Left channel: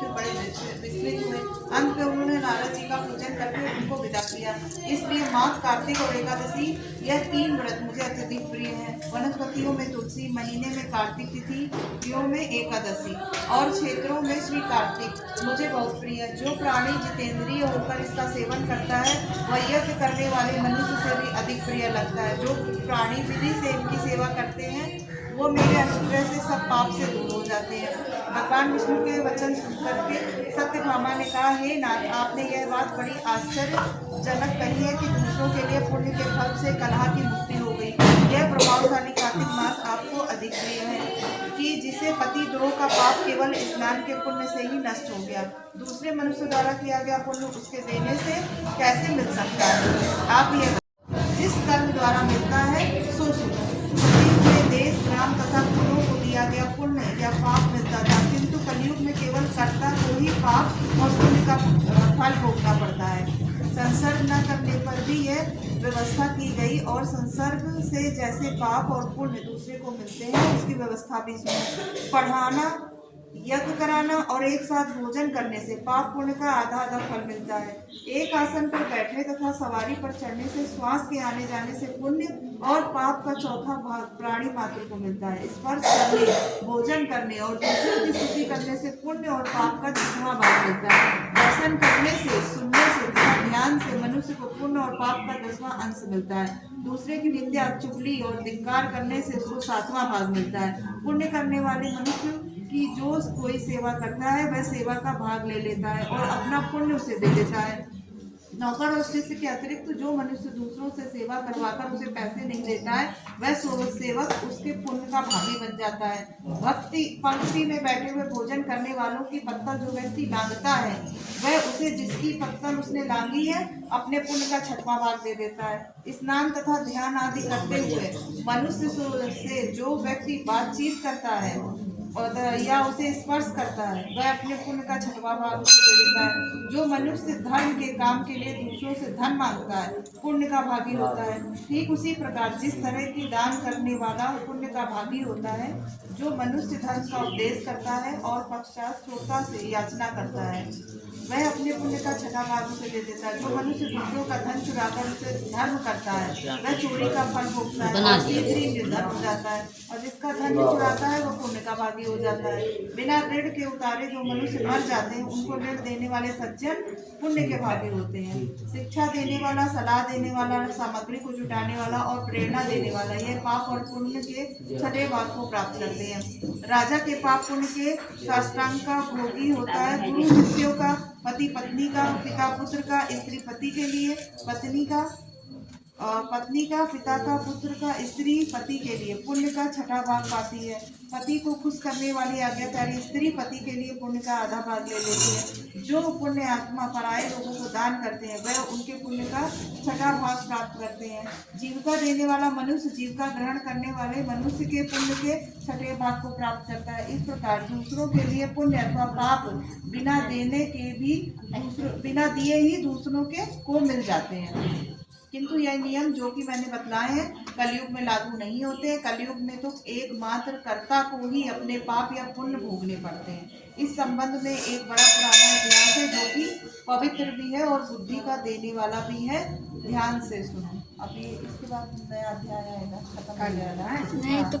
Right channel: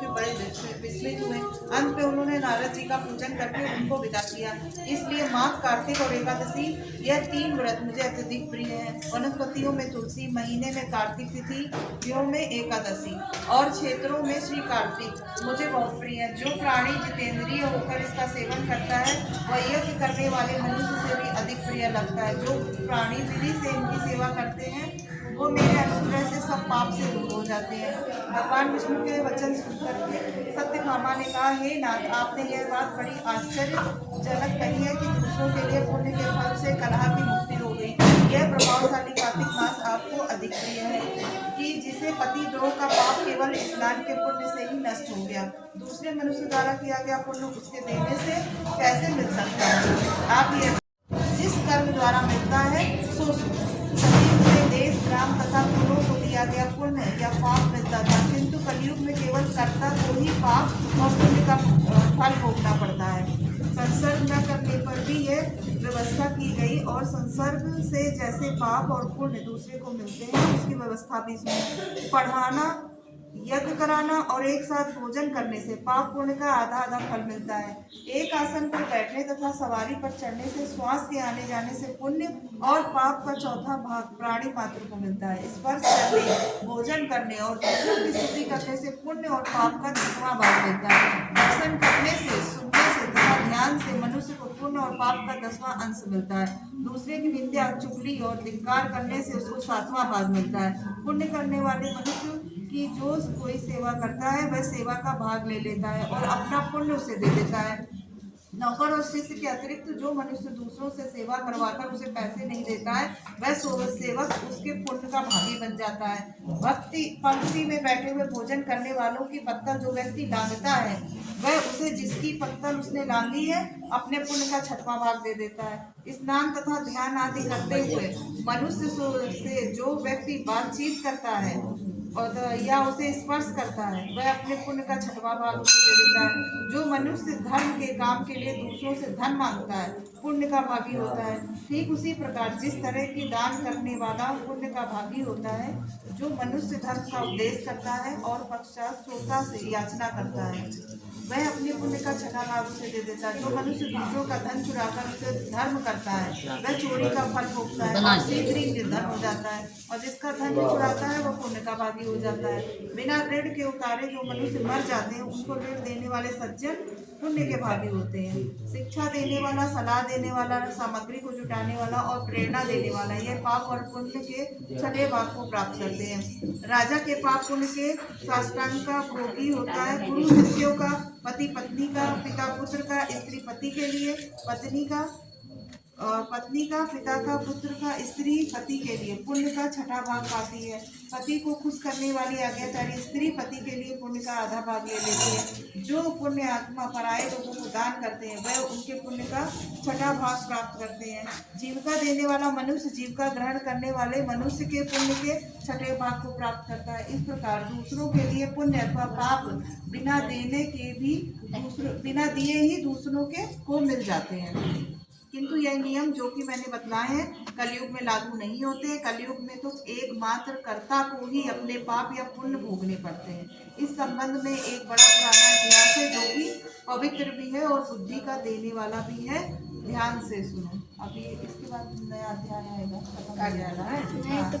के बड़े विस्मित हुए। अंत में उन्होंने नारद जी का पूजन करके उनको विदा किया। इसलिए माघ, कार्तिक और एकादशी यह 3 व्रत मुझे अत्यधिक प्रिय है। वनस्पतियों में तुलसी, महीने में कार्तिक तिथियों में एकादशी और क्षेत्रों में श्री कार्तिक मुझे बहुत प्रिय है। जो प्राणी जितेंद्रिय होकर इसका सेवन करता है वह यज्ञ करने वाले मनुष्य से भी अधिक प्रिय लगता है। जो प्राणी विधि से इनकी सेवा करते हैं वो मेरे अनुग्रह से सब पाप से दूर हो जाते हैं। भगवान विष्णु के वचन सुनकर के सत्यभामा ने कहा, हे नाथ, आपने यह बात बड़ी आश्चर्यजनक कही है कि दूसरों के लिए पुण्य के फल से कलह की मुक्ति हो गई। यह प्रभावशाली कार्तिक मास आपको अधिक प्रिय है कि जिसे पति द्रोह का पाप केवल स्नान के पुण्य से ही नष्ट हो गया। दूसरे मनुष्य द्वारा किया गया पुण्य उसके देने से कैसे मिल सकता है? आप ये जिस कर्म द्वारा मिलता है सो सुनो। सतयुग में देश, ग्राम तथा कुलों को दिया गया पुण्य या पाप मिलता था, किंतु कलयुग में केवल कर्ता को ही पाप और पुण्य का फल भोगना पड़ता है। संसर्ग न करने पर भी यह व्यवस्था की गई और संसर्ग से जैसे पाप और पुण्य दूसरे को मिलते हैं उसकी व्यवस्था भी सुनी। पढ़ाना, यज्ञ कराना और एक साथ भोजन करने से पाप पुण्य का आधा आधा फल मिलता है। एक आसन पर बैठने तथा सवारी पर चढ़ने से श्वास के आने जाने से पुण्य और पाप का चौथा भाग प्राणी मात्र को मिलता है। स्पर्श करने, भोजन करने और दूसरों की स्तुति करने से पुण्य और पाप का 10वां भाग मिलता है। दर्शन करने से, सुनने से तथा ध्यान से मनुष्य को पुण्य और पाप का 10वां अंश मिलता है। दूसरे की निंदा, चुगली और धिक्कार करने से उसको 7वां भाग मिलता है। पुण्य करने वाले मनुष्य की जो कोई सेवा करता है वह सेवा का भाग ले लेता है और अपना पुण्य उसे दे देता है। नौकर और शिष्य के अतिरिक्त जो मनुष्य दूसरों से सेवा करवाकर उसे पैसे नहीं देता है वह सेवक उसके पुण्य का भागी बन जाता है। भक्ति पंक्ति में बैठे हुए भोजन करने वालों की पत्तल जो व्यक्ति लांघता है वह उसे जिसकी पत्तल उसने लांघी है अपने पुण्य का 6वां भाग दे देता है। स्नान तथा ध्यान आदि करते हुए मनुष्य से जो व्यक्ति बातचीत करता है और या उसे स्पर्श करता है वह अपने पुण्य का 6वां भाग उसे दे देता है। जो मनुष्य धर्म के काम के लिए दूसरों से धन मांगता है पुण्य का भागी होता है। ठीक उसी प्रकार जिस तरह की दान करने वाला पुण्य का भागी होता है, जो मनुष्य धर्म का उपदेश करता है और पश्चात श्रोता से याचना करता है वह अपने पुण्य का 6वां भाग उसे दे देता है। जो मनुष्य दूसरों का धन चुराकर उसे धर्म करता है वह चोरी का फल भोगता है और शीघ्र ही निर्धन हो जाता है, और जिसका धन चुराता है वह पुण्य का भागी हो जाता है। बिना ऋण के उतारे जो मनुष्य मर जाते हैं उनको ऋण देने वाले सज्जन पुण्य के भागी होते हैं। शिक्षा देने वाला, सलाह देने वाला, सामग्री को जुटाने वाला और प्रेरणा देने वाला ये पाप और पुण्य के 6ठे भाग को प्राप्त करते हैं। राजा के पाप पुण्य के साष्टांग का भोगी होता है। गुरु शिष्यों का, पति पत्नी का, पिता पुत्र का, स्त्री पति के लिए, पत्नी का, पिता का, पुत्र का, स्त्री पति के लिए पुण्य का 6ठा भाग पाती है। पति को खुश करने वाली आज्ञाकारी स्त्री पति के लिए पुण्य का आधा भाग ले लेती है। जो पुण्य आत्मा पराये लोगों को दान करते हैं वह उनके पुण्य का 6ठा भाग प्राप्त करते हैं। जीविका देने वाला मनुष्य जीविका ग्रहण करने वाले मनुष्य के पुण्य के 6ठे भाग को प्राप्त करता है। इस प्रकार दूसरों के लिए पुण्य अथवा पाप बिना दिए ही दूसरों के को मिल जाते हैं। किंतु यह नियम जो कि मैंने बतलाए हैं कलयुग में लागू नहीं होते। कलयुग में तो एकमात्र कर्ता को ही अपने पाप या पुण्य भोगने पड़ते हैं। इस संबंध में एक बड़ा पुराना इतिहास है जो कि पवित्र भी है और बुद्धि का देने वाला भी है। ध्यान से सुनो। अभी इसके बाद नया अध्याय आएगा, खत्म हो जाएगा है। तो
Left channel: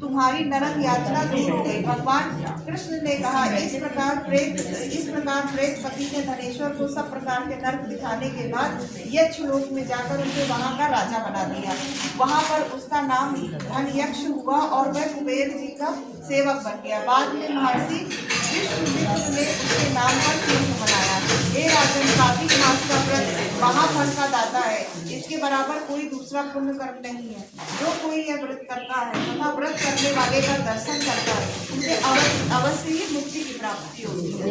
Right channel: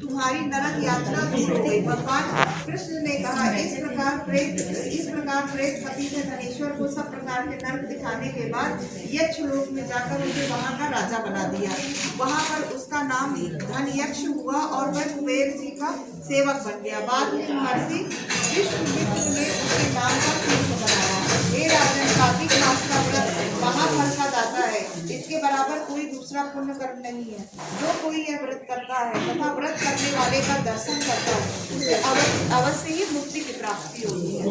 तुम्हारी नरक यात्रा दूर हो गई। भगवान कृष्ण ने कहा, इस प्रकार प्रेत पति ने धनेश्वर को सब प्रकार के नरक दिखाने के बाद यक्षलोक में जाकर उसे वहां का राजा बना दिया। वहां पर उसका नाम धनयक्ष हुआ और वह कुबेर जी का सेवक बन गया। बाद में महर्षि विश्वामित्र ने उसके नाम पर तीर्थ बनाया। हे राजन, कार्तिक मास का व्रत महाफल का दाता है। इसके बराबर कोई दूसरा पुण्य कर्म नहीं है। जो कोई यह व्रत करता है तथा व्रत करने वाले का दर्शन करता है उसे अवश्य ही मुक्ति की प्राप्ति होती है।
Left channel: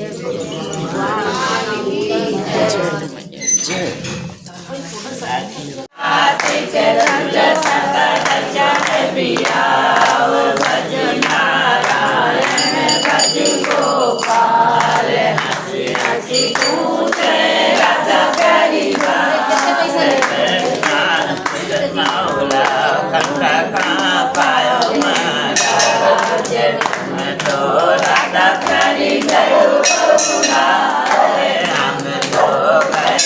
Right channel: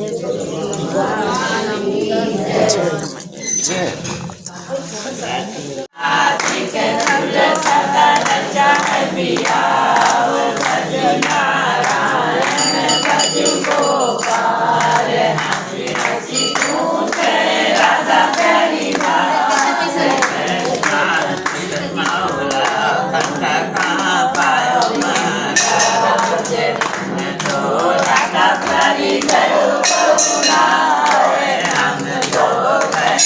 प्यारी गयो बहुरा हम तो गए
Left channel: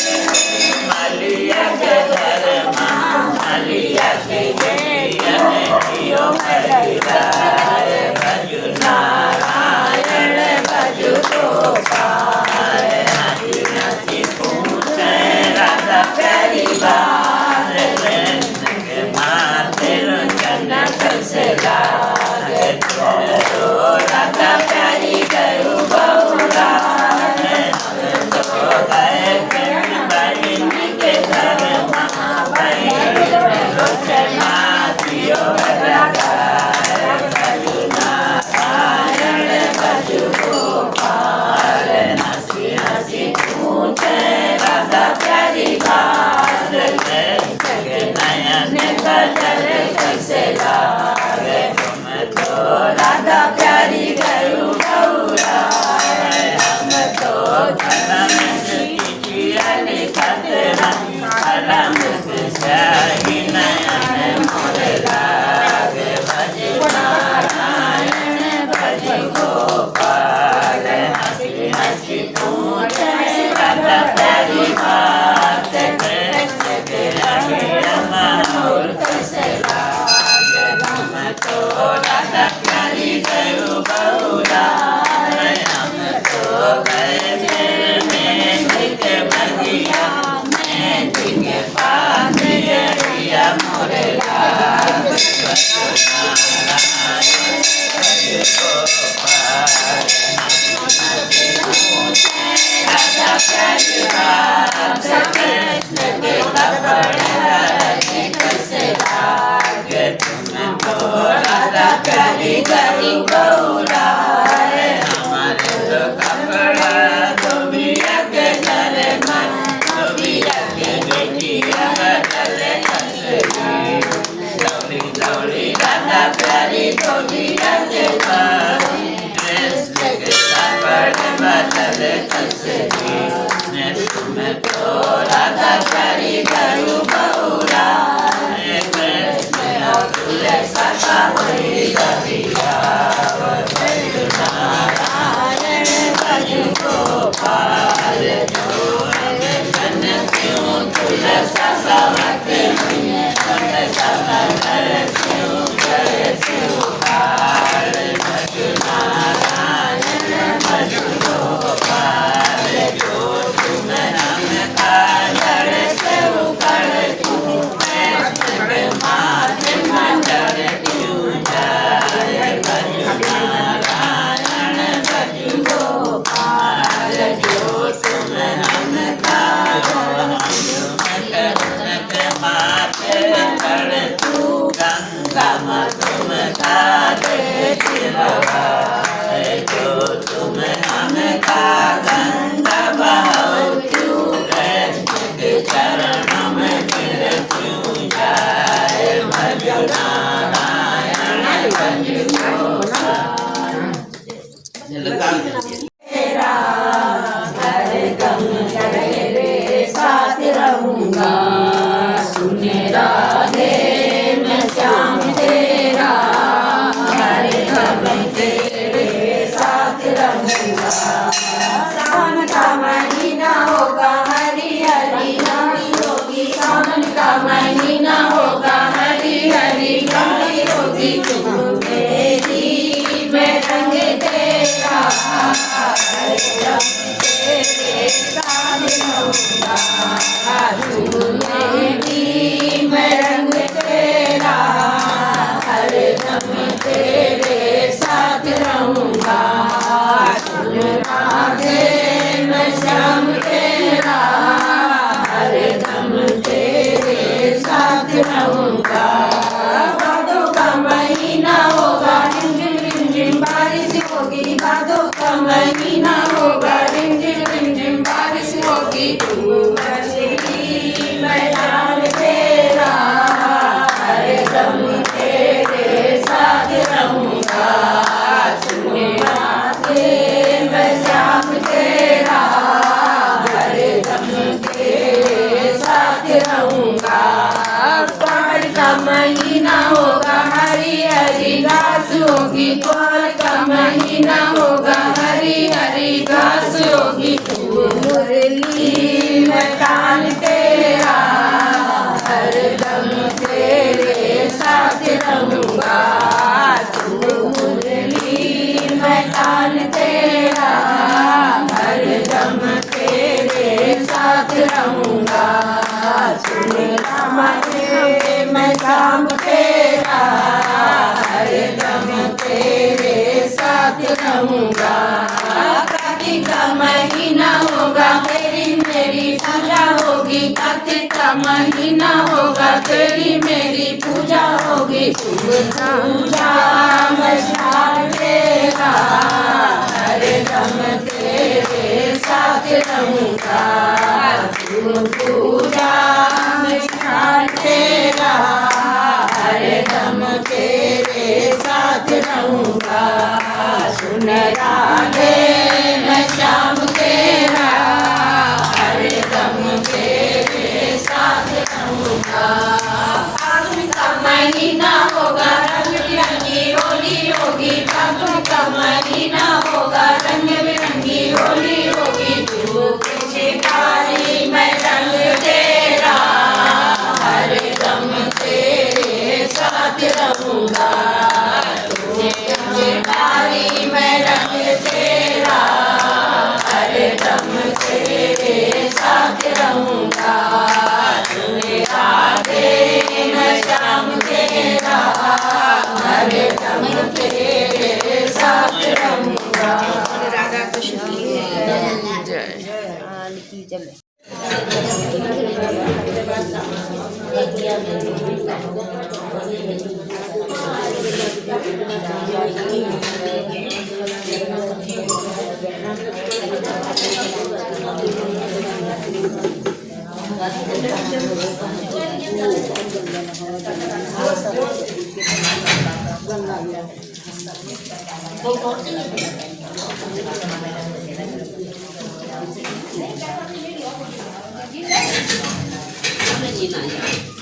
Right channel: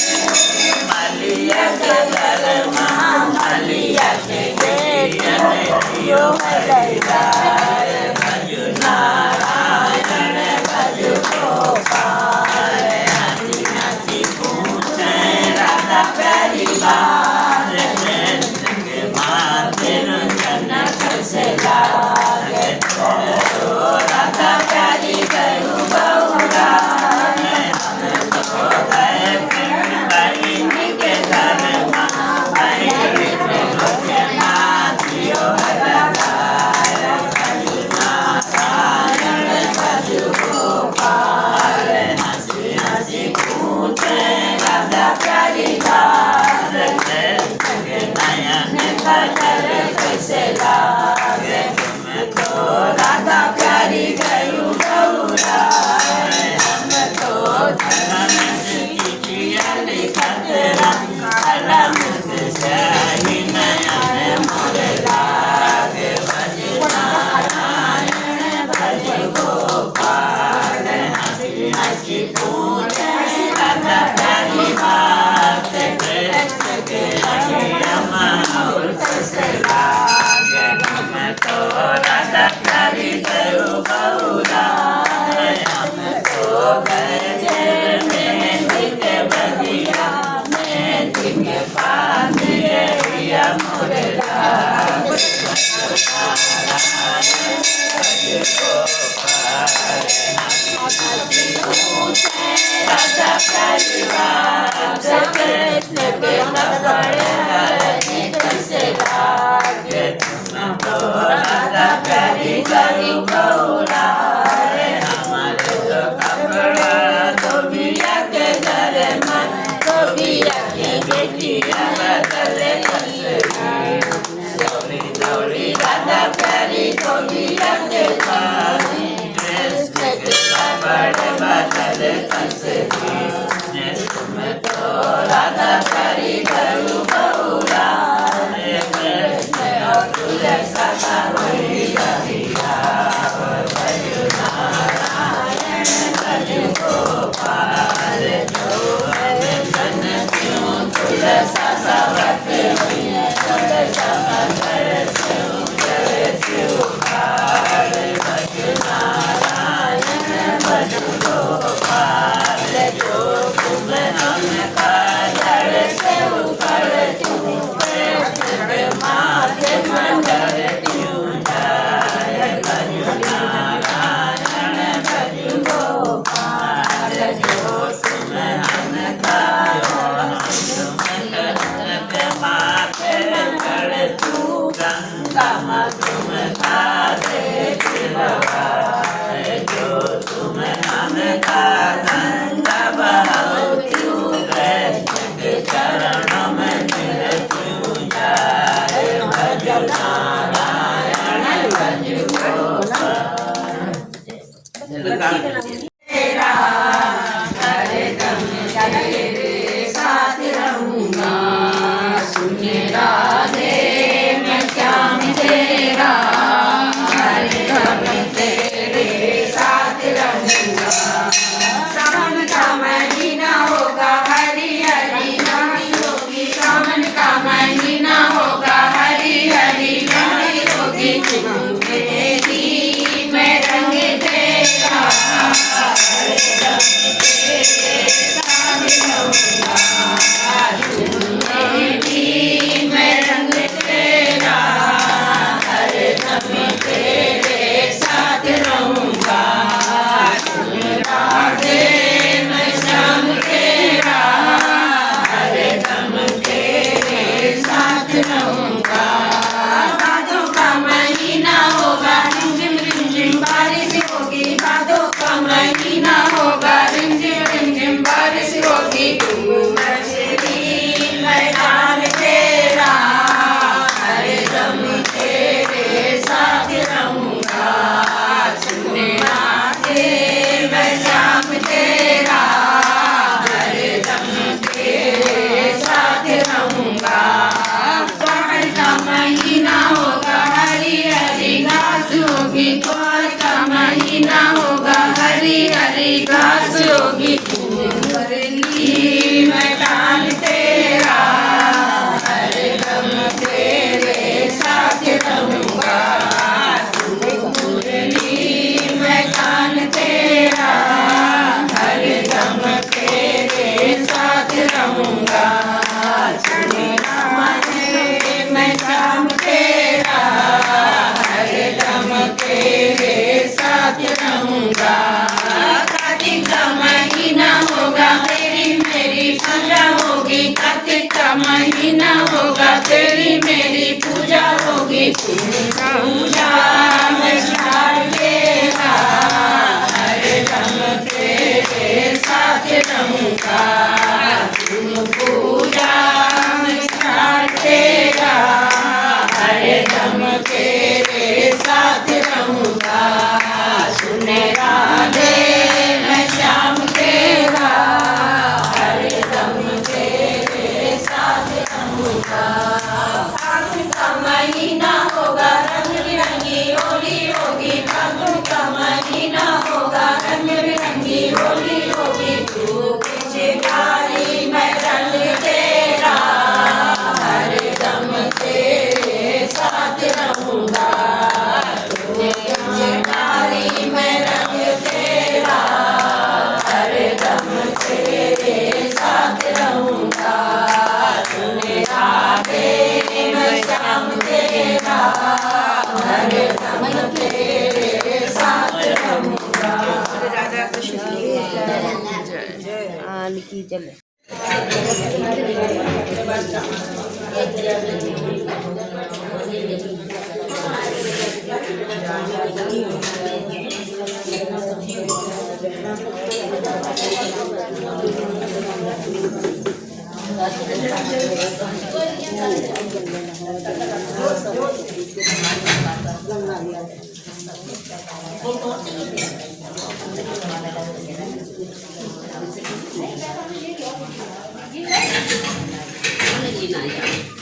मालिया के घर मालिया के बेटिया ने कियो हरिदार भजु नारायण भजु गोपाल हसी हसी पूछे राधा प्यारी बात कृष्ण के माथे रंजन कैसे लागे तो राधा प्यारी गयो बहुरा हम तो गए प्रेम बहिनी के घर बहिनी में रोचना दियो हरिदार भजु नारायण भजु गोपाल हसी हसी पूछे राधा प्यारी बात कृष्ण के नयन बदल कैसे लागे तुम तो राधा प्यारी गयो बहुरा हम तो कलम से चिट्ठिया लिखत रंग कलम से स्याही नयन मोरे लागे भजु नारायण भजु गोपाल हसी हसी पूछे राधा प्यारी बात कृष्ण के नयन मोर कैसे लागे तुम तो राधा प्यारी गयो बहुरा हम तो गए फिर मेहंदी के बगिया मेहंदी के पास रिया मोरे लाग भजु नारायण भजु गोपाल हसी पूछे राधा प्यारी बात कृष्ण के कपड़े हरे कैसे लागे तुम तो राधा प्यारी गयो बहुरा हमारे तो कपड़ा धोबिया के घर में धोबिया के बेटिया बदले कैसे दौड़ी दौड़ी राधा प्यारी धोबिया के पास कृष्ण के कपड़े बदले कैसे तुम तो राधा प्यारी गयो बहुरा कृष्ण और तुझे सखा वही रहिया भजु नारायण भजु गोपाल जो है मन क्यों तुझे ससावत हुए तुझे सदा करे शिवपाल भजु नारायण भजु गोपाल जो तुम हम काजर से उतर क्यों कृष्ण के माथे मंडर क्यों जाए भजु नारायण भजु गोपाल जो तुम हम के माथे चढ़ तू गंगा मधुम कारे शिवगाए जो तुम हम का गंगा बहाओ क्यों कृष्ण के चरणों में गिर क्यों जाए भजु नारायण भजु गोपाल तेरा हरदम तेरे साथ रहूंगा सुने राधे मैं श्याम तेरा हरदम तेरे साथ रहूंगा सावन का महीना होगा हरी हरी रानी होगी सावन का महीना होगा हरी हरी रानी होगी तुम मेरी मैं रंग तेरा हरदम तेरे साथ रहूंगा मेरी मैं रंग तेरा हरदम तेरे साथ रहूंगा राधे मैं श्याम तेरा हरदम तेरे साथ रहूंगा भादों का महीना होगा रिमझिम बारिश होगी भादों का महीना होगा रिमझिम बारिश होगी तुम बजरी मैदान तेरा हरदम तेरे साथ रहूंगा सुने राधे मैं श्याम तेरा हरदम तेरे साथ रहूंगा पहाड़ का महीना होगा हरी हरी घास होगी पहाड़ का महीना होगा हरी हरी घास होगी मुरली मैदान तेरा, हरदम तेरे साथ रहूंगा। मुरली मैदान तेरा, हरदम तेरे साथ रहूंगा। मैं शाम तेरा, हरदम तेरे साथ रहूंगा। कार्तिक का महीना होगा तेरी मेरी पूजा होगी, कार्तिक का महीना होगा तेरी मेरी पूजा होगी। पूजा मैं शाम तेरा, हरदम तेरे साथ रहूंगा। पूजा तेरा, हरदम तेरे साथ रहूंगा। सुन राधे मैं श्याम तेरा, हरदम तेरे साथ रहूंगा। फागुन का महीना होगा रंग बिरंगी होली होगी, फागुन का महीना होगा रंग बिरंगी होली होगी। तू पिचकारी मैं रंग तेरा, हरदम तेरे साथ रहूंगा। पिचकारी मैं रंग तेरा, हरदम तेरे साथ रहूंगा। राधे मैं श्याम तेरा, हरदम तेरे साथ रहूंगा। राधा कृष्ण की जय। Mana Cina ya?